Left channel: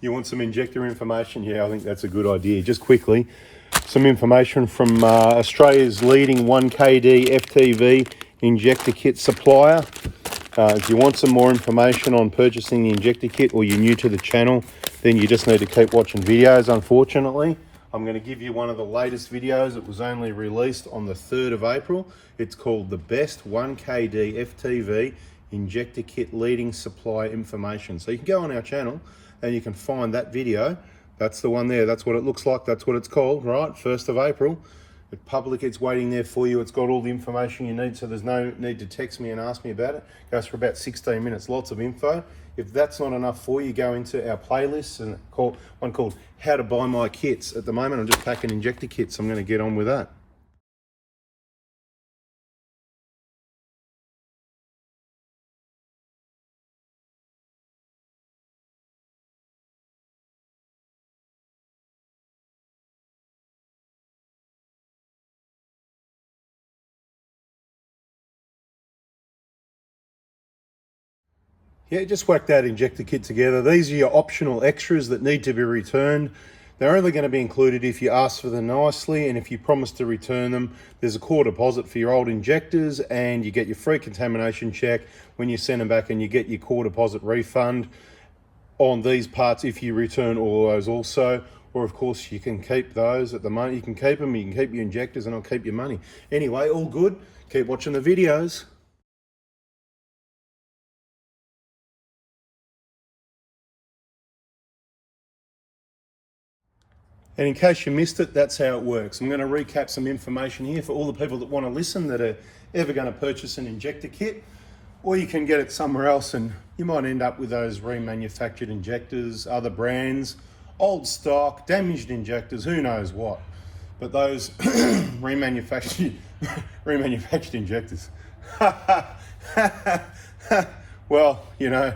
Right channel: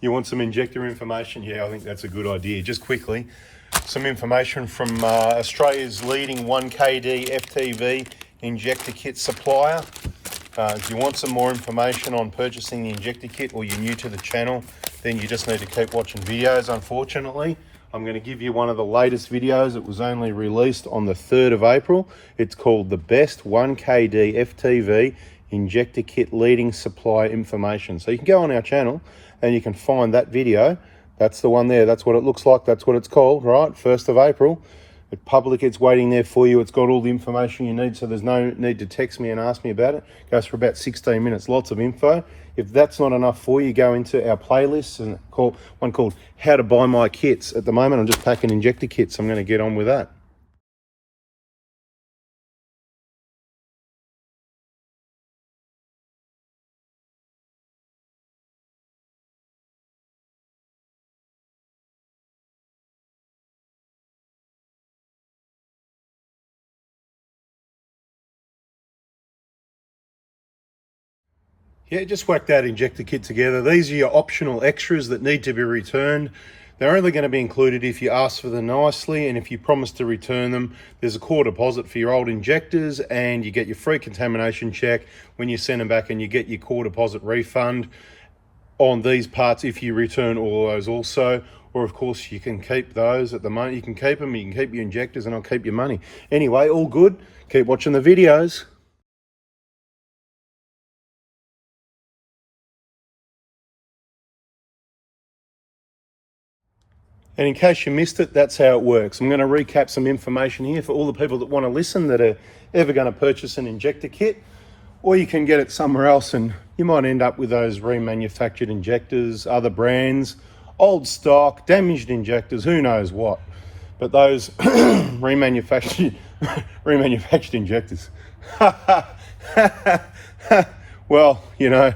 You want some injector information? Yeah, I think that's a good idea. Just quickly, some information from Australia's leading 1KD FTV injector kit supplier. If you want some more information on purchasing the injector kit, or you're new to the channel, then you just need to keep watching videos. Unfortunately, I'm going to give you one of the latest videos. It was only released on the 3rd of April. It's called the Best 1KD FTV Injector Kit Leading Supply Information. So you can go on our channel and you can find that video. That's the one there. That's what it looks like. That's what it's called, right? 1st of April. The public, it's waiting there for you. It's got all the information you need, so there's no need to text me and ask me about it. It goes for about 16 minutes, lots of info. If that's not enough for you, go into our playlists and one called How to Buy My Kits. At the moment, I'm just packing injector kits. I'm going to get on with that. Yeah, just whack that injector kit together. These are your optional extras that need to be returned. They're only going to be included if you ask for them nicely, and if you promise to return them. There's a core deposit for your old injectors, and you get your free contamination check when you send them back, and you get your core deposit refund on these parts if you return all those also. Or of course you can keep those at the moment. You can keep them, you can keep your injectors, and I'll keep your money. Anyway, all good. Keep watching the videos. And in case you missed it, that's how it works. I'm going to recap some information here for all the people that want to listen, that are ever going to purchase an injector kit, or you can get it somewhere else and you might end up with those remanufactured injectors, other brands, old stock, damaged injectors, who knows what. But those remanufactured injectors. Well, you know,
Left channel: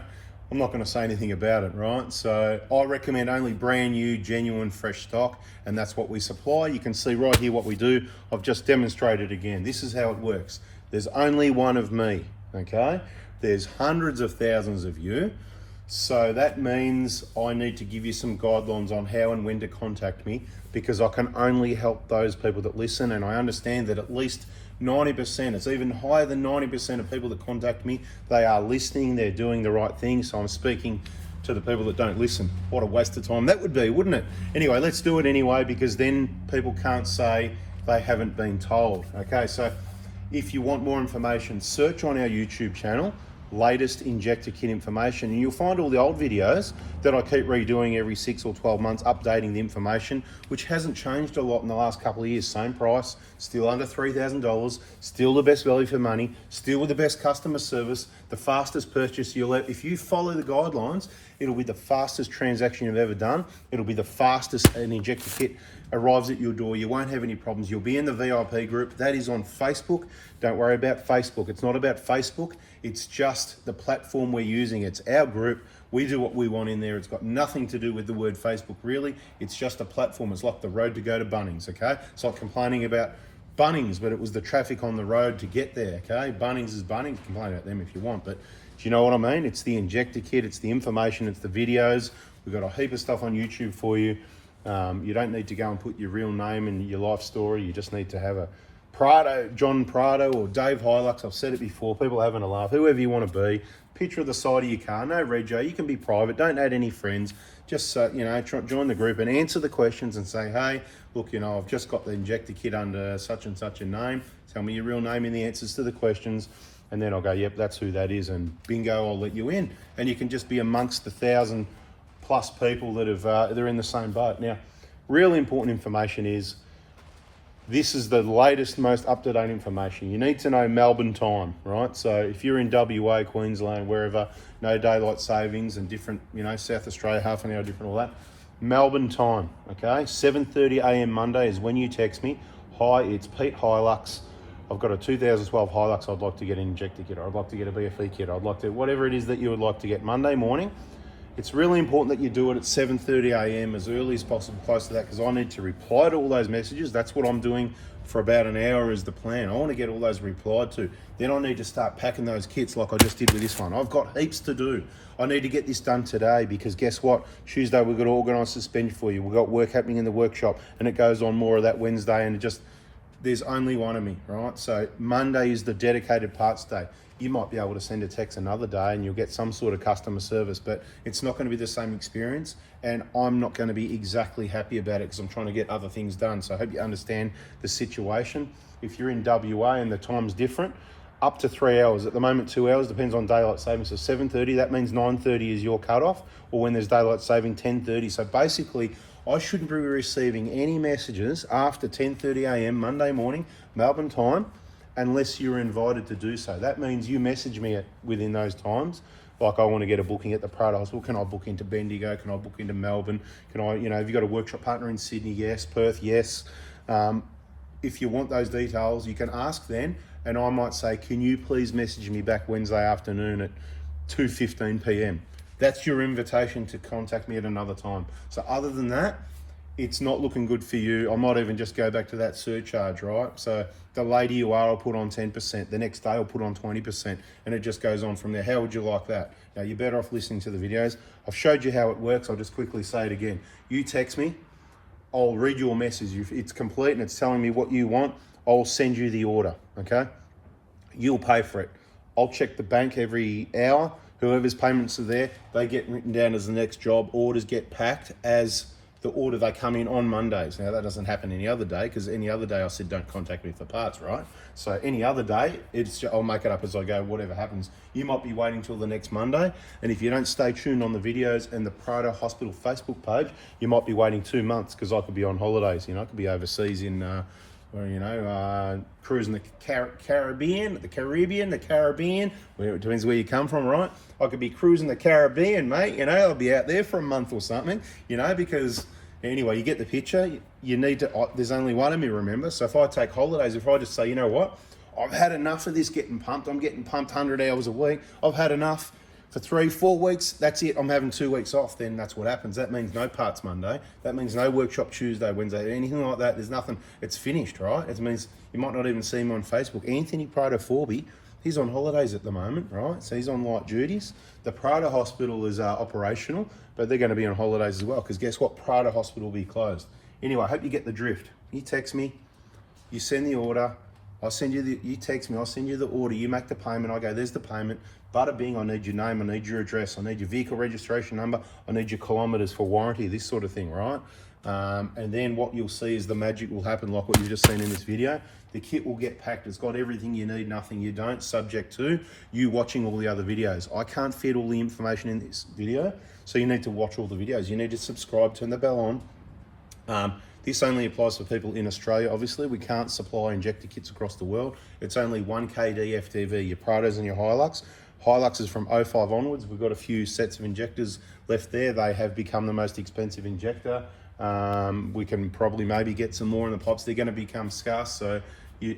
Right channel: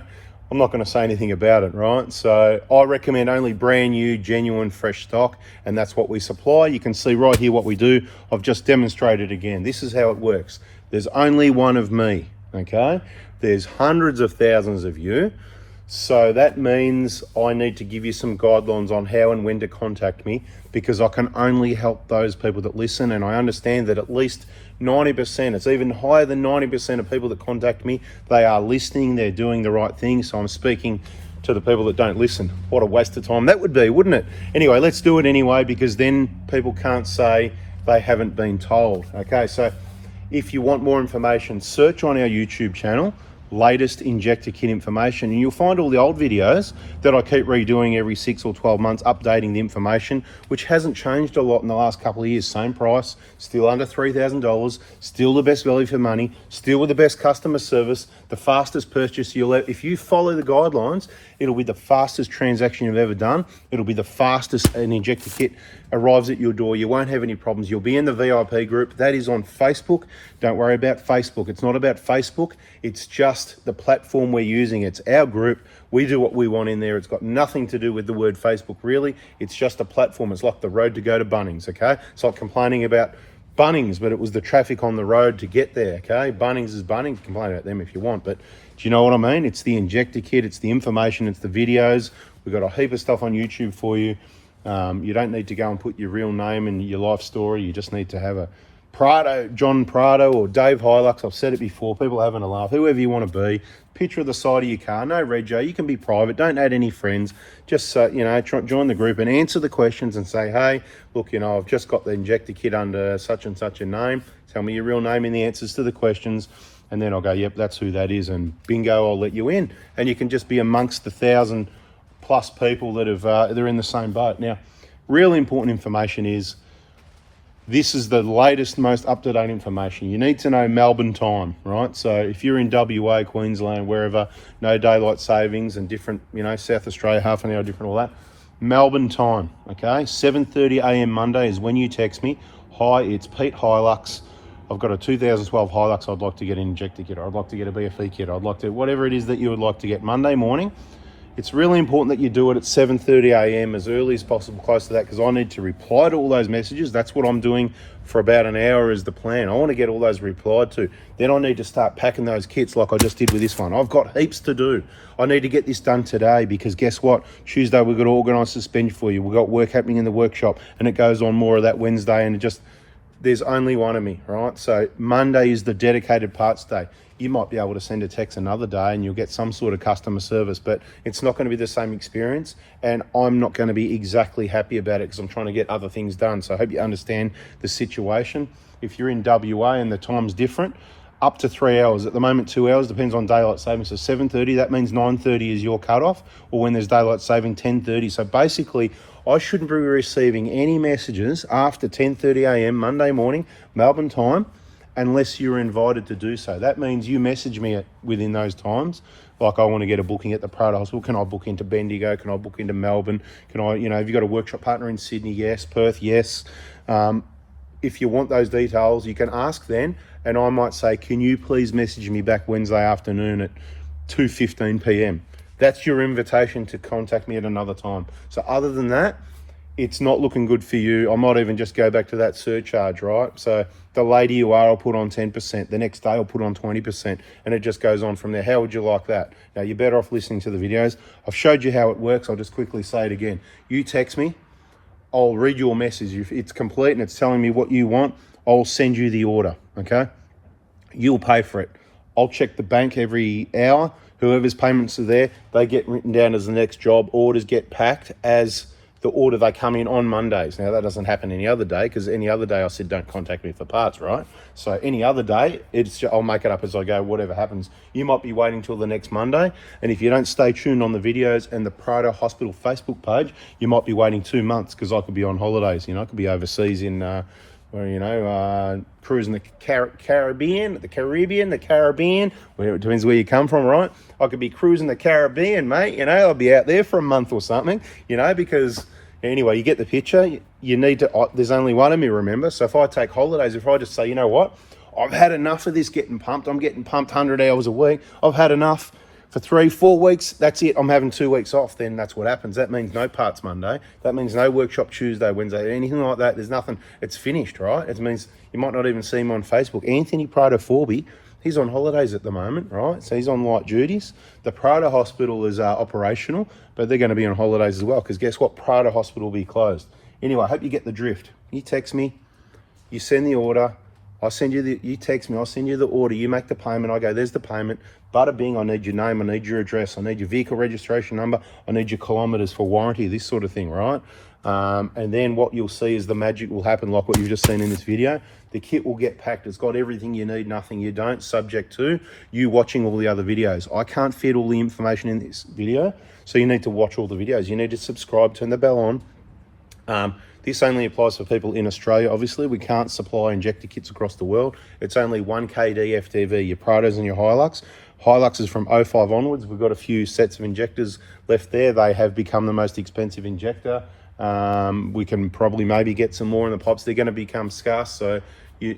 I'm not going to say anything about it, right? So I recommend only brand new, genuine, fresh stock, and that's what we supply. You can see right here what we do. I've just demonstrated again. This is how it works. There's only one of me, okay? There's hundreds of thousands of you. So that means I need to give you some guidelines on how and when to contact me, because I can only help those people that listen, and I understand that at least 90%, it's even higher than 90% of people that contact me, they are listening, they're doing the right thing. So I'm speaking to the people that don't listen. What a waste of time that would be, wouldn't it? Anyway, let's do it anyway, because then people can't say they haven't been told. Okay, so if you want more information, search on our YouTube channel, latest injector kit information, and you'll find all the old videos that I keep redoing every 6 or 12 months, updating the information, which hasn't changed a lot in the last couple of years. Same price, still under $3,000, still the best value for money, still with the best customer service, the fastest purchase you'll ever. If you follow the guidelines, it'll be the fastest transaction you've ever done. It'll be the fastest an injector kit arrives at your door. You won't have any problems. You'll be in the VIP group. That is on Facebook. Don't worry about Facebook. It's not about Facebook. It's just the platform we're using. It's our group. We do what we want in there. It's got nothing to do with the word Facebook, really. It's just a platform. It's like the road to go to Bunnings, okay? It's like complaining about Bunnings, but it was the traffic on the road to get there, okay? Bunnings is Bunnings. Complain about them if you want, but do you know what I mean? It's the injector kit, it's the information, it's the videos. We've got a heap of stuff on YouTube for you. You don't need to go and put your real name and your life story. You just need to have a Prado, John Prado, or Dave Hilux. I've said it before, people having a laugh, whoever you want to be. Picture of the side of your car, no rego, you can be private, don't add any friends. Just, you know, join the group and answer the questions and say, hey, look, you know, I've just got the injector kit under such and such a name. Tell me your real name and the answers to the questions. And then I'll go, yep, that's who that is. And bingo, I'll let you in. And you can just be amongst the 1,000+ people that have, they're in the same boat. Now, really important information is, this is the latest, most up-to-date information. You need to know Melbourne time, right? So if you're in WA, Queensland, wherever, no daylight savings and different, you know, South Australia, half an hour different, all that. Melbourne time, okay? 7:30 a.m. Monday is when you text me. Hi, it's Pete Hilux. I've got a 2012 Hilux. I'd like to get an injector kit, or I'd like to get a BFE kit. I'd like to, whatever it is that you would like to get Monday morning. It's really important that you do it at 7:30 a.m. as early as possible, close to that, because I need to reply to all those messages. That's what I'm doing for about an hour is the plan. I want to get all those replied to. Then I need to start packing those kits like I just did with this one. I've got heaps to do. I need to get this done today because guess what? Tuesday we've got to organise suspension for you. We've got work happening in the workshop and it goes on more of that Wednesday, and there's only one of me, right? So Monday is the dedicated parts day. You might be able to send a text another day and you'll get some sort of customer service, but it's not going to be the same experience, and I'm not going to be exactly happy about it because I'm trying to get other things done. So I hope you understand the situation. If you're in WA and the time's different, up to 3 hours. At the moment, 2 hours, depends on daylight saving. So 7:30, that means 9:30 is your cutoff, or when there's daylight saving, 10:30. So basically, I shouldn't be receiving any messages after 10:30 a.m. Monday morning, Melbourne time, unless you're invited to do so. That means you message me within those times. Like, I want to get a booking at the Prado Hospital. Can I book into Bendigo? Can I book into Melbourne? Can I, have you got a workshop partner in Sydney? Yes. Perth? Yes. If you want those details, you can ask then, and I might say, can you please message me back Wednesday afternoon at 2:15 p.m. That's your invitation to contact me at another time. So other than that, it's not looking good for you. I might even just go back to that surcharge, right? So the later you are, I'll put on 10%. The next day, I'll put on 20%. And it just goes on from there. How would you like that? Now, you're better off listening to the videos. I've showed you how it works. I'll just quickly say it again. You text me. I'll read your message. If it's complete and it's telling me what you want, I'll send you the order, okay? You'll pay for it. I'll check the bank every hour. Whoever's payments are there, they get written down as the next job. Orders get packed as the order they come in on Mondays. Now, that doesn't happen any other day, because any other day I said don't contact me for parts, right? So any other day, I'll make it up as I go, whatever happens. You might be waiting till the next Monday, and if you don't stay tuned on the videos and the Prado Hospital Facebook page, you might be waiting 2 months, because I could be on holidays. I could be overseas in, cruising the Caribbean, where it depends where you come from, right? I could be cruising the Caribbean, mate. I'll be out there for a month or something, because anyway, you get the picture. You need to, there's only one of me, remember? So if I take holidays, if I just say, you know what, I've had enough of this getting pumped. I'm getting pumped 100 hours a week. I've had enough for 3-4 weeks. That's it. I'm having 2 weeks off. Then that's what happens. That means no parts Monday. That means no workshop Tuesday, Wednesday, anything like that. There's nothing. It's finished, right? It means you might not even see him on Facebook. Anthony Prado Forby, he's on holidays at the moment, right? So he's on light duties. The Prado Hospital is operational, but they're going to be on holidays as well, because guess what? Prado Hospital will be closed. Anyway, I hope you get the drift. You text me, you send the order, you text me, I'll send you the order, you make the payment, I go, there's the payment. Bada bing, I need your name, I need your address, I need your vehicle registration number, I need your kilometres for warranty, this sort of thing, right? And then what you'll see is the magic will happen, like what you've just seen in this video. The kit will get packed. It's got everything you need, nothing you don't, subject to you watching all the other videos. I can't fit all the information in this video, so you need to watch all the videos. You need to subscribe, turn the bell on. This only applies for people in Australia, obviously. We can't supply injector kits across the world. It's only 1 kD FTV, your Prados and your Hilux. Hilux is from 05 onwards. We've got a few sets of injectors left there. They have become the most expensive injector. We can probably maybe get some more in the pipes. They're going to become scarce. So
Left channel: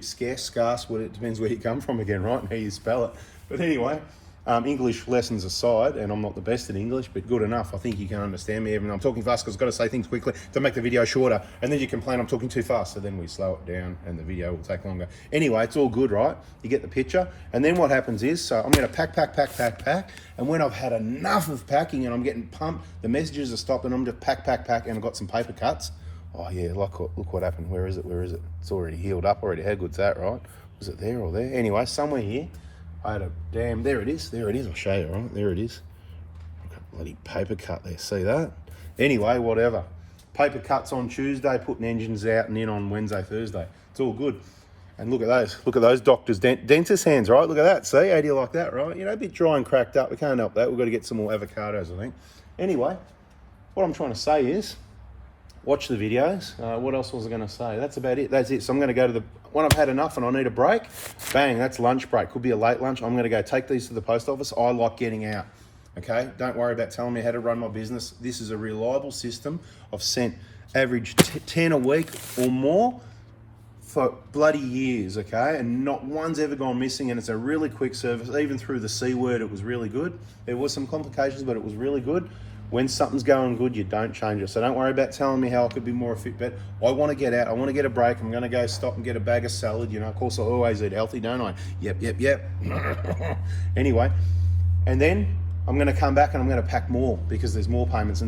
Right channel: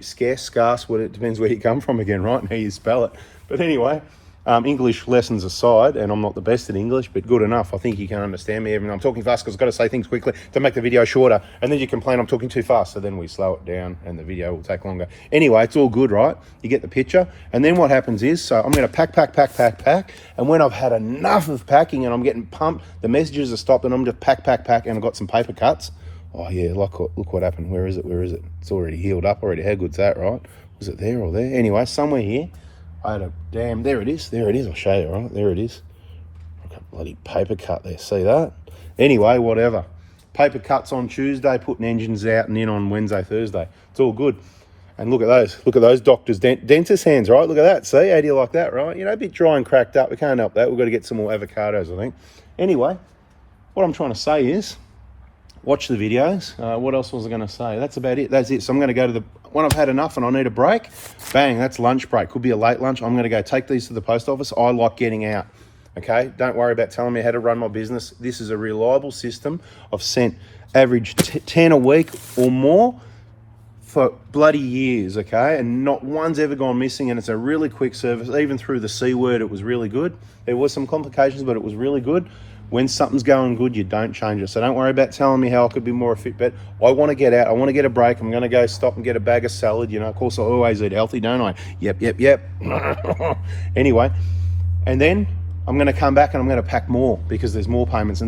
scarce, well, it depends where you come from again, right? And how you spell it. But anyway, English lessons aside, and I'm not the best at English, but good enough. I think you can understand me, even though I'm talking fast, because I've got to say things quickly to make the video shorter. And then you complain I'm talking too fast, so then we slow it down and the video will take longer. Anyway, it's all good, right? You get the picture. And then what happens is, so I'm going to pack. And when I've had enough of packing and I'm getting pumped, the messages are stopped, and I'm just pack, and I've got some paper cuts. Oh yeah, look what happened. Where is it? It's already healed up already. How good's that, right? Was it there or there? Anyway, somewhere here. There it is. I'll show you, right? There it is. I've got a bloody paper cut there. See that? Anyway, whatever. Paper cuts on Tuesday, putting engines out and in on Wednesday, Thursday. It's all good. And look at those. Look at those doctors' dentist hands, right? Look at that. See? How do you like that, right? A bit dry and cracked up. We can't help that. We've got to get some more avocados, I think. Anyway, what I'm trying to say is, watch the videos. What else was I going to say? That's about it. That's it. So I'm going to go to when I've had enough and I need a break, bang, that's lunch break. Could be a late lunch. I'm going to go take these to the post office. I like getting out, okay? Don't worry about telling me how to run my business. This is a reliable system. I've sent average 10 a week or more, for bloody years, okay? And not one's ever gone missing, and it's a really quick service. Even through the C word, it was really good. There was some complications, but it was really good. When something's going good, you don't change it. So don't worry about telling me how I could be more fit, but I want to get out. I want to get a break. I'm going to go stop and get a bag of salad. You know, of course, I always eat healthy, don't I? Yep. Anyway, and then I'm going to come back and I'm going to pack more because there's more payments.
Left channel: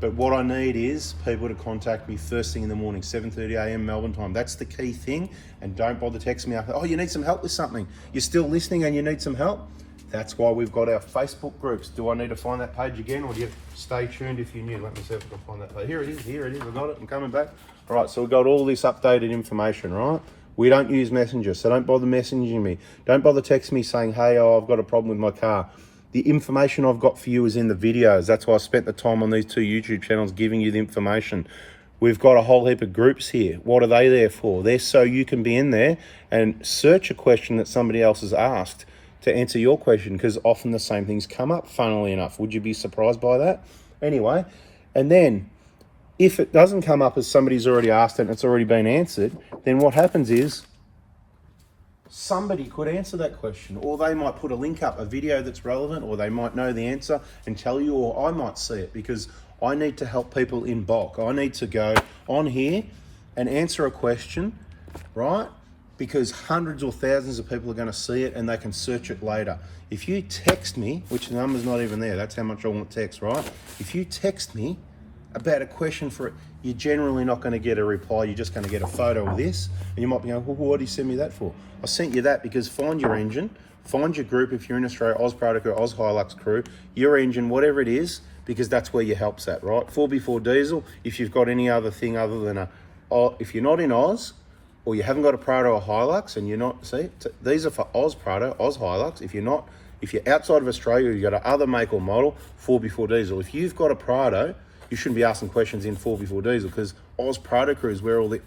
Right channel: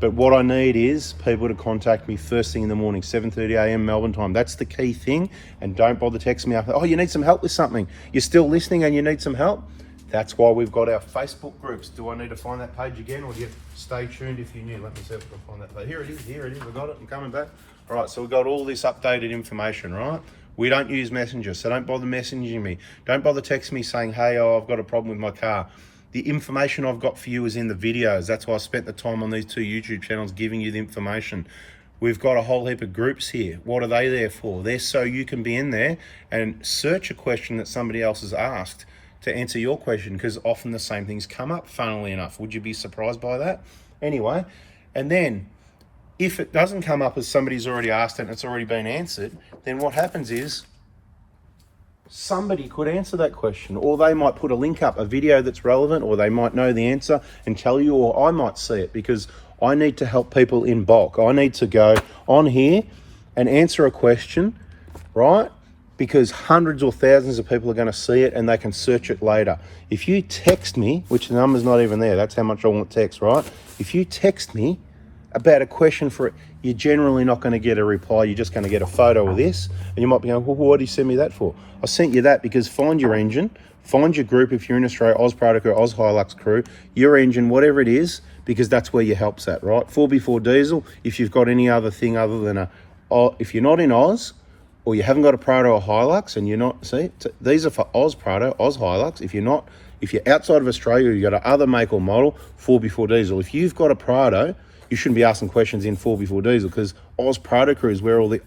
But what I need is people to contact me first thing in the morning, 7:30 a.m. Melbourne time. That's the key thing. And don't bother texting me after, oh, you need some help with something. You're still listening and you need some help? That's why we've got our Facebook groups. Do I need to find that page again, or do you stay tuned if you knew? Let me see if I can find that page. Here it is, we got it, I'm coming back. All right, so we've got all this updated information, right? We don't use Messenger, so don't bother messaging me. Don't bother texting me saying, hey, I've got a problem with my car. The information I've got for you is in the videos. That's why I spent the time on these 2 YouTube channels giving you the information. We've got a whole heap of groups here. What are they there for? They're so you can be in there and search a question that somebody else has asked to answer your question, because often the same things come up, funnily enough. Would you be surprised by that? Anyway, and then if it doesn't come up as somebody's already asked it and it's already been answered, then what happens is somebody could answer that question, or they might put a link up, a video that's relevant, or they might know the answer and tell you, or I might see it, because I need to help people in bulk. I need to go on here and answer a question, right? Because hundreds or thousands of people are going to see it and they can search it later. If you text me, which the number's not even there, that's how much I want text, right? If you text me about a question for it, you're generally not going to get a reply. You're just going to get a photo of this, and you might be going, well, what did you send me that for? I sent you that because find your engine, find your group if you're in Australia, Oz Prado Crew, Oz Hilux Crew, your engine, whatever it is, because that's where your help's at, right? 4x4 diesel, if you've got any other thing other than if you're not in Oz, or you haven't got a Prado or Hilux, and you're not, see, these are for Oz Prado, Oz Hilux. If you're outside of Australia, you've got an other make or model, 4x4 diesel. If you've got a Prado, you shouldn't be asking questions in 4x4 diesel, because Oz Prado Crew is where all the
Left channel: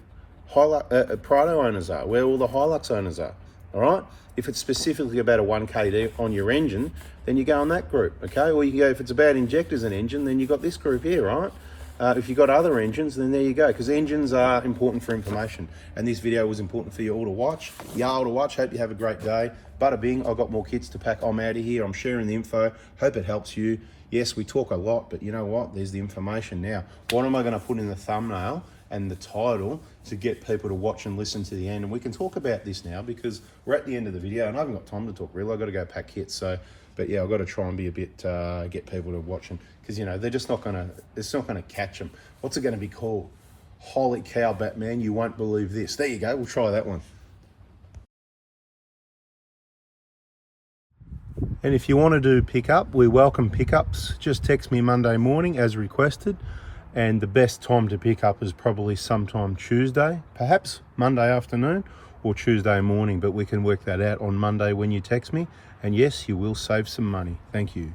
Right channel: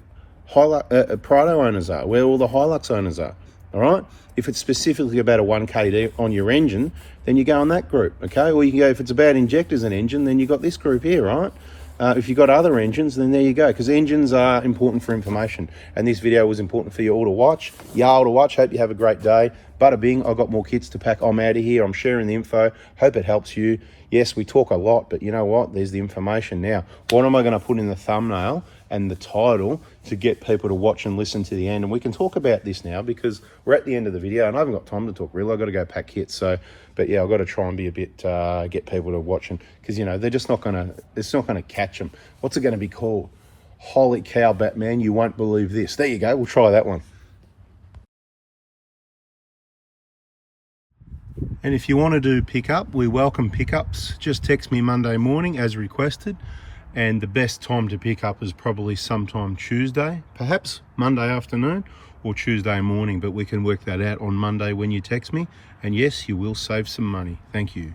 Prado owners are, where all the Hilux owners are, all right? If it's specifically about a 1KD on your engine, then you go on that group, okay? Or you can go, if it's about injectors and engine, then you've got this group here, right? If you've got other engines, then there you go, because engines are important for information. And this video was important for you all to watch. Y'all to watch. Hope you have a great day. Bada bing, I've got more kits to pack. I'm out of here. I'm sharing the info. Hope it helps you. Yes, we talk a lot, but you know what? There's the information now. What am I going to put in the thumbnail and the title to get people to watch and listen to the end? And we can talk about this now because we're at the end of the video and I haven't got time to talk really. I've got to go pack kits. So, but yeah, I've got to try and be a bit, get people to watch them, because, you know, they're just not going to, it's not going to catch them. What's it going to be called? Holy cow, Batman, you won't believe this. There you go. We'll try that one. And if you want to do pickup, we welcome pickups. Just text me Monday morning as requested. And the best time to pick up is probably sometime Tuesday, perhaps Monday afternoon or Tuesday morning, but we can work that out on Monday when you text me. And yes, you will save some money. Thank you.